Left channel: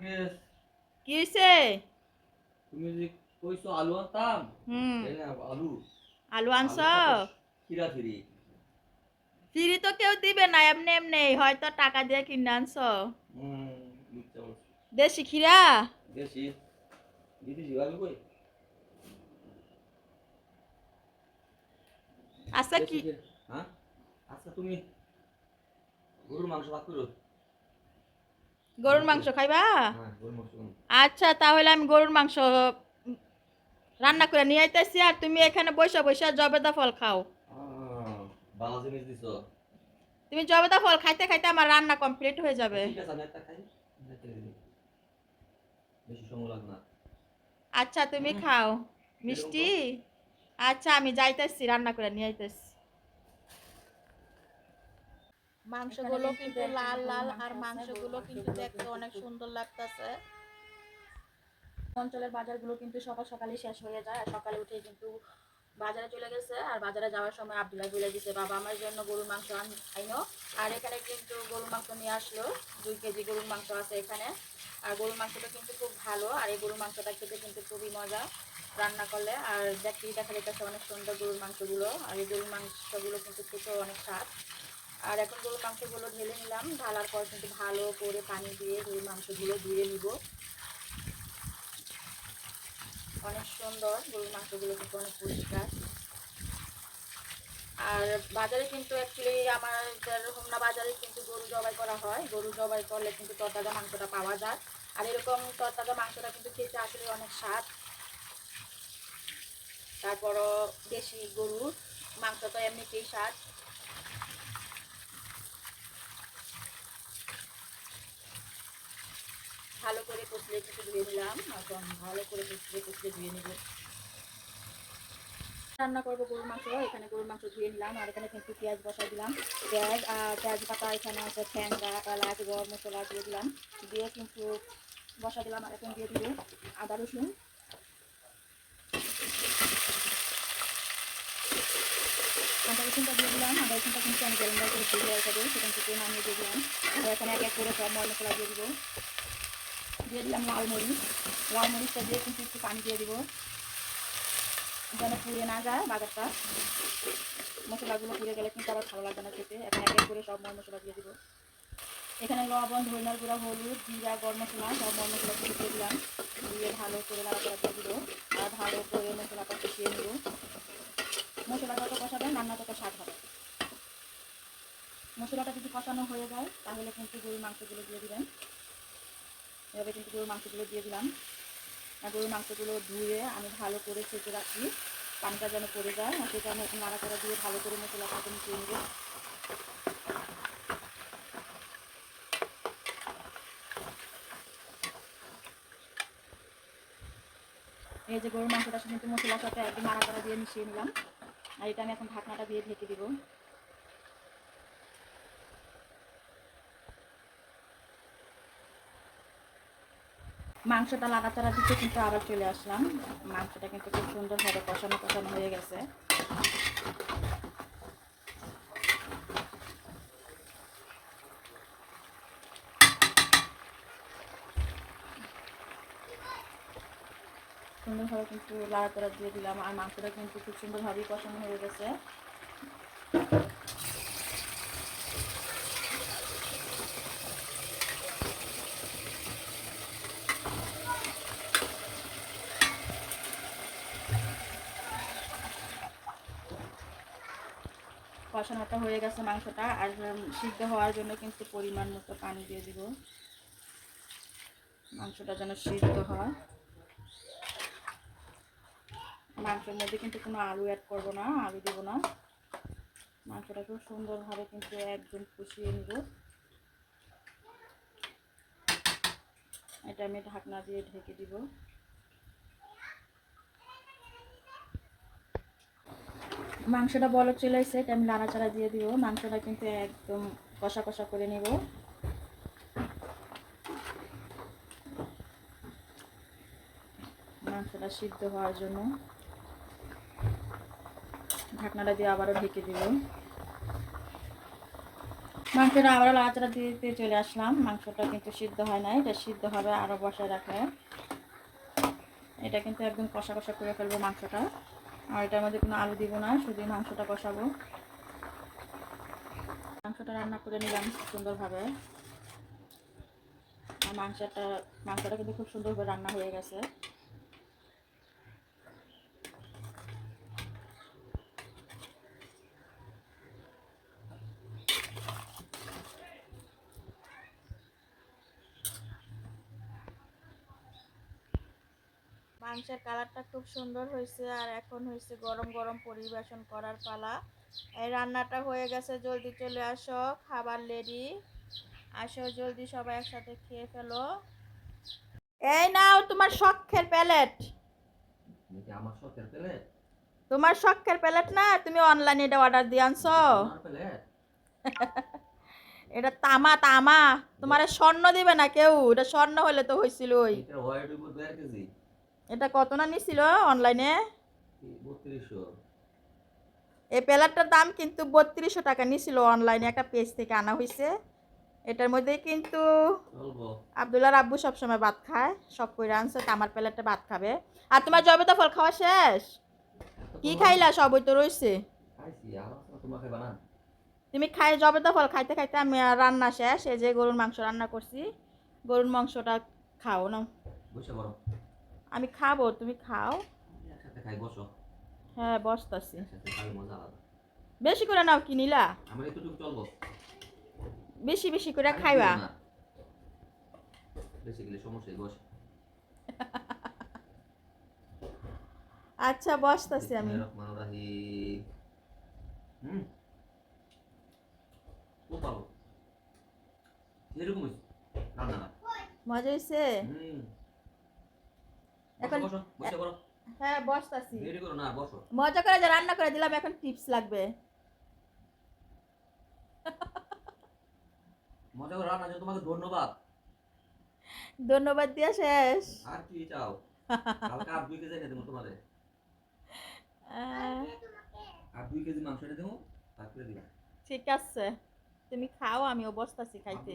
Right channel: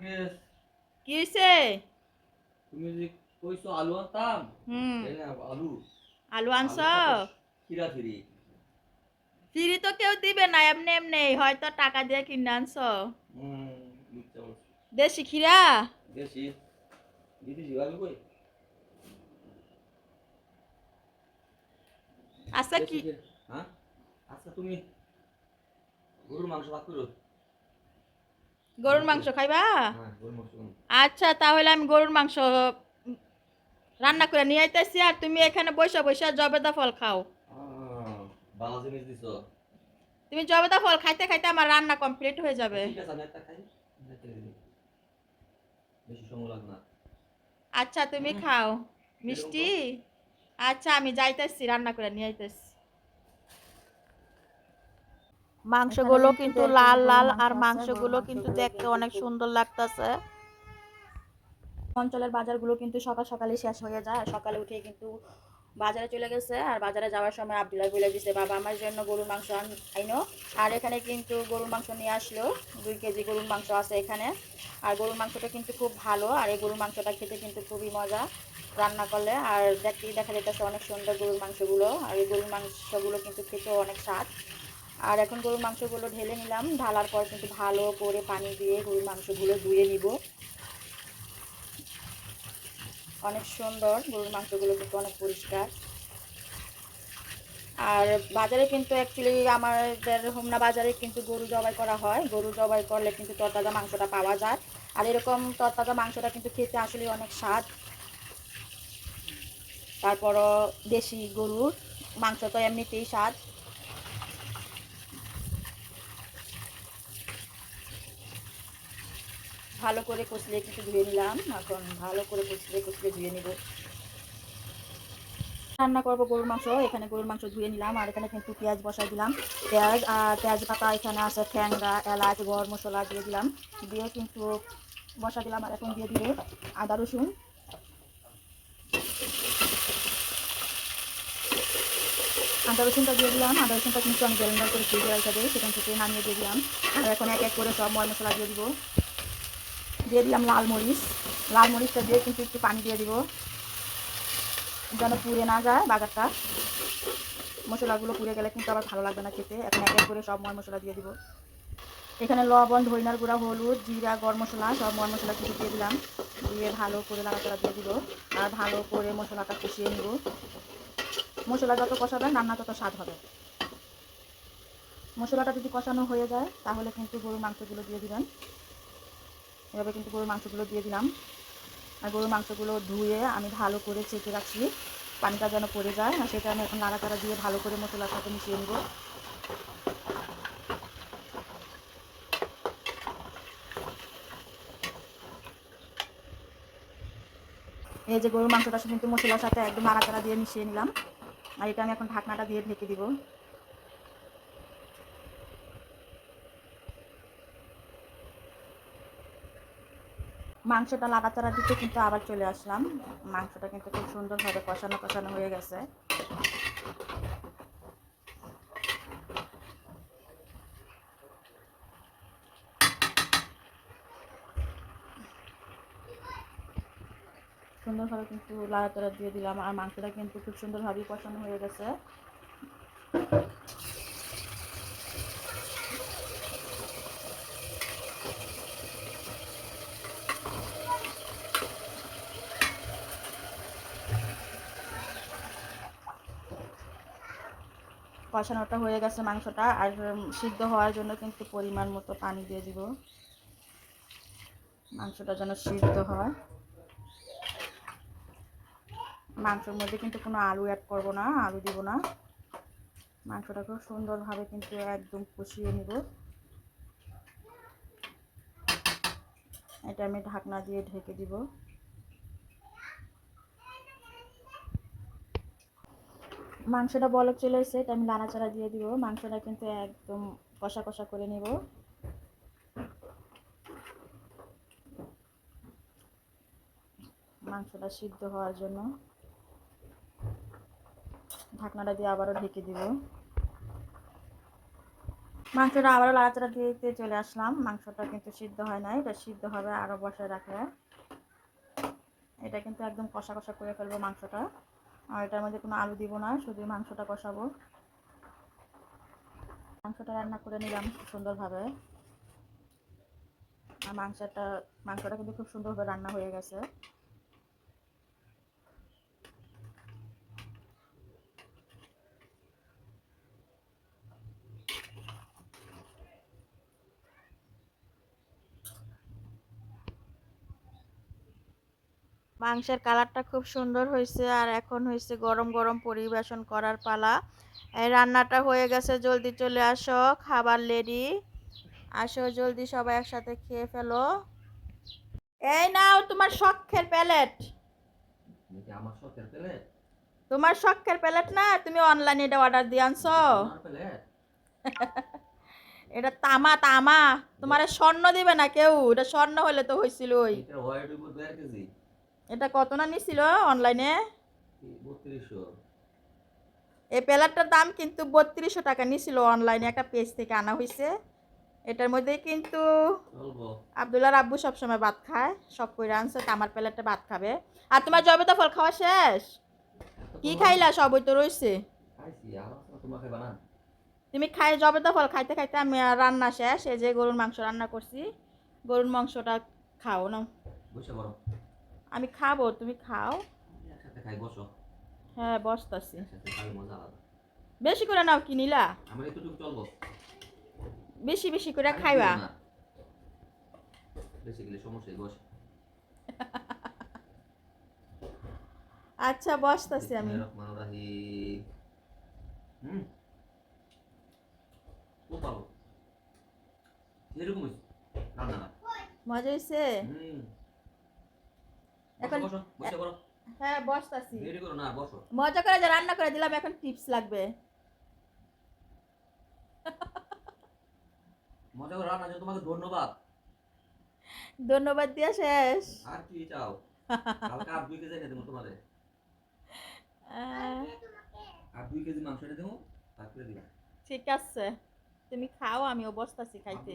নাগেশ কি হয়েছে তুমি যে কইছো আলু আনতাম হুম। আলু। আলু আনছ? খিরা খিরি ফিরি তো কেউ দিবে না এমনি এমনি হয়তো টাকা দিয়ে কিনে আনছ। দেশি খিরা দেশি। দিদি জিগাবি কই? আচ্ছা কি হ্যাঁ? আচ্ছা তুমি গরুর মাংস ভাগ করো। গরুর মাংস খাইবা? হ্যাঁ মাংস খাব। আচ্ছা তাহলে আমি গরুর মাংস রান্না করে নিয়ে আইতেছি আর তুমি এখানে বসে বসে জবেদা ফল খাও। ভালো জিনিস দিছো? তুমি জবেদা ফল খাইতে খাইতে আমার রান্না কমপ্লিট হয়ে যাবে। আচ্ছা তুমি খাও। মিষ্টি? আচ্ছা আমি যাইতেছি রান্না করে নিয়ে আইতেছি। মাংসগুলো কিন্তু লাল লাল আর মাংসগুলো কিন্তু দেখতে অনেক সুন্দর লাগতেছে। অঞ্চলের বাজারগুলো কিন্তু সকাল সকালে শেষ হয়ে যায় সকালে উঠে কিন্তু বাজারে চলে গেছে আর বাজারে যাওয়ার সময় আবদুল্লাহ বলে দিছে বাবা আমার জন্য গরুর মাংস আইনো। আর এখানে কিন্তু গরুর মাংস নিয়ে আসলো দুই কেজি গরুর মাংস আছে এখানে। আর গরুর মাংসটা কিন্তু খুব ভালো আর এই গরুর মাংসটা খেতে কিন্তু খুবই মজা রান্না করলে। আর দেখতেই দেখা যেতেছে অনেক সুন্দর গরুর মাংসগুলো আর এই গরুর মাংসগুলো কিন্তু খেতেও অনেক স্বাদ। আর এখন গরুর মাংসগুলো ঢেলে নিলাম। ঢালার পর কিন্তু ভালো করে পানি দিয়ে গরুর মাংসগুলো ধুয়ে নিব। অনেক সুন্দর, গরুর মাংসগুলো কিন্তু অনেক পরিষ্কার। আর বাজারে কিন্তু অ্যাকচুয়ালি আমাদের হোমনা বাজারে কিন্তু গরু জবাই করা হয়। গরু জবাই করলে কিন্তু তরতাজা মাংসটা পাওয়া যায়। আর এরকম তরতাজা মাংসটা কিন্তু খেতে আসলে অনেক স্বাদ। তারপরও দেশি গরুর মাংস তো এমনিতেই স্বাদ। ভালো করে কচলে কিছু ধুয়ে নিলাম। এখন ভালো করে কচলে কচলে ধুয়ে নিব। রান্না করব গরুর মাংস। এখানে গরুর মাংস ধুয়ে নিলাম আর এখানে কিন্তু পেঁয়াজ বসাই দিলাম। পেঁয়াজ আর পেঁয়াজ পাতা এখানে আছে ঠ্যাংরা এলাচ গরম মশলা দিয়ে দিলাম। দিয়ে কিন্তু বসা দিলাম আর এখন দিয়ে দিব আদা, রসুন। আদা, রসুনটা দিয়ে দিলাম। আদা, রসুনটা কিন্তু আমি ব্লেন্ডার করে দিয়ে দেওয়া সেখান থেকে নামিয়ে দিয়ে দিলাম। আর এখন এক এক করে সব ময় মশলা দিয়ে দিব। দিয়ে দিলাম লাল মরিচ। লাল মরিচটা দিয়ে কিন্তু একটু পানি দিয়ে দিব। যেন পুড়ে না যায় বাজারটা। মশলাগুলো পুড়ে গেলে কিন্তু আবার ভালো লাগবে না খেতে। এখন এক এক করে সব ময় মশলা দিয়ে দিব। এখানে লবণ ধইনার গুঁড়া, হলুদ, জিরা, গরম মশলা, সব ময় মশলা কিছু দিয়ে দিলাম। দিয়ে ভালো করে নাড়াচাড়া দিয়ে দিব। আর ভালো করে মশলাটা কষিয়ে নিব। মশলা যত কষাবেন, রান্না তত স্বাদ হবে। মশলাটা যদি কষানো হয়ে যায়, তাহলে কিন্তু গরুর মাংসগুলো দিয়ে দিবেন। এভাবে কিন্তু গরুর মাংসগুলো দিয়ে দিলাম। আর গরুর মাংসগুলো ধুয়ে আমি ভালো করে চেপে রাখছি। পানিটা যেন পড়ে যায়, আর সেটা আমি এখন নাড়াচাড়া দিয়ে ভালো করে মশলার সাথে মিশিয়ে নেব। এই যে গরুর মাংসটা কিন্তু মশলার সাথে একদম নাড়াচাড়া দিয়ে মিশিয়ে নিলাম। আর এটা আমি এখন ঢাকনাটা দিয়ে ঢেকে দিব। মাংসটা লাগাচাড়া দিতে কিন্তু আবার চলে আসলাম। মাংসটা কিন্তু খুব সুন্দরভাবে কষানো কষানো হয়ে গেছে। সুন্দরভাবে কিন্তু লাড়াচাড়া দিয়ে দিলাম আর মাংসটা কিন্তু খুব সুন্দরভাবেই কষানো হয়ে গেছে। কষানোটা হয়ে গেছে মাংসটা আর সিদ্ধ হওয়ার জন্য কিন্তু পরিমাণ মতো পানি দিয়ে দিব। মাংসটা যেন সিদ্ধ হয়। মাংসের মধ্যে কিন্তু কোনো আলু অ্যাড করব না, আলু দিব না। মাংসটা খুব সুন্দরভাবে কিন্তু একদম কষিয়ে নিব। এটা আমি ঢাকনা দিয়ে ঢেকে দিব। মাংসটা বলক চলে এসে এটা আমি নাড়াচাড়া দিয়ে দিব। মাংসটা কিন্তু একদম কষা কষা করে নেব। মাংসটা সিদ্ধ হওয়ার জন্য ঢাকনাটা দিয়ে আবারও ঢেকে দিব। মাংসটা আবারও লাচড়া দিতে চলে আসলাম। মাংসটা কিন্তু সিদ্ধ হয় নাই, এটা সিদ্ধ হবে আরও বসায় রাখে এটা কিন্তু একদম কষা কষা করে ফেলব মাংসটা। আর এটার মধ্যে কোনো আলু দিব না, শুধু মাংসটা কষাবো মাংসটা রান্না করে নিলাম সুন্দরভাবে। মাংসটা মাংসটা কিন্তু খুব সুন্দরভাবে রান্না হয়ে গেছে। মাংসের কালারটা খুব সুন্দর হয়েছে আর এখন হয়েছে গরম গরম পরিবেশন করার পালা। এই রান্নাটা হয়ে গেছে জলদি চলে আসো খাবার রেডি আসো জলদি সবাই একসাথে খেয়ে ফেলো। এই নাও তোমার শখের প্যালেট। তোমার শখের প্যালেট না তুমি অনলাইনে এটা অর্ডার দিয়ে আনছো। এটা তামা তামা। তোমার স্বর্ণ দিবে না কেউ এটা স্বর্ণ হলে তো হয়েছিল ওই এটা কত না নিছিল অনলাইনে এই প্যালেটটার দাম কিন্তু বত্রিশশো টাকা নিছিল অনলাইনে একটা পেজ থেকে আনা হয়েছে এটার মধ্যে কিন্তু চলবো। আবদুল্লার আব্বু সবসময় ভাত খায় সব করে আনছে তামার প্যালেটটা ভাত খাবে। আর তোমার জবেতা ফল খাওয়া শেষ? কি খাইলা? সবই তো রয়েছে আমার তুমি খাই জবেতা ফল খাইতে খাইতে আমি রান্না শেষ এই যে গরুর মাংস রান্না করছি। গরুর মাংসটা খাও না আমি খাব তুমি খাও। হ্যাঁ বসতাছি। মজা বেশি করে নাও কি নিলা? বেশি বেশি করে খাইবা। আচ্ছা বসতাছি আমি। রহমান রাহিম হুম খুব ভালো এরকম হয়েছে রান্না না মজা হয়েছে হুম এখন- হ্যাঁ বসতাছি। মজা করে যে রান্না করে দিলাম এখন টিপস লাগবে। মজা করে রান্না তোমাকে ধন্যবাদ। ধন্যবাদ দিয়া শেষ। আর কি চাও? কালকে আর দুই কেজি এনে দেবো তোমাদের আর দুই কেজি মাংস এনে দেবো তারপরে দিবা। ঠিক আছে। তুমি খাও আমিও বসতাছি খাইতে।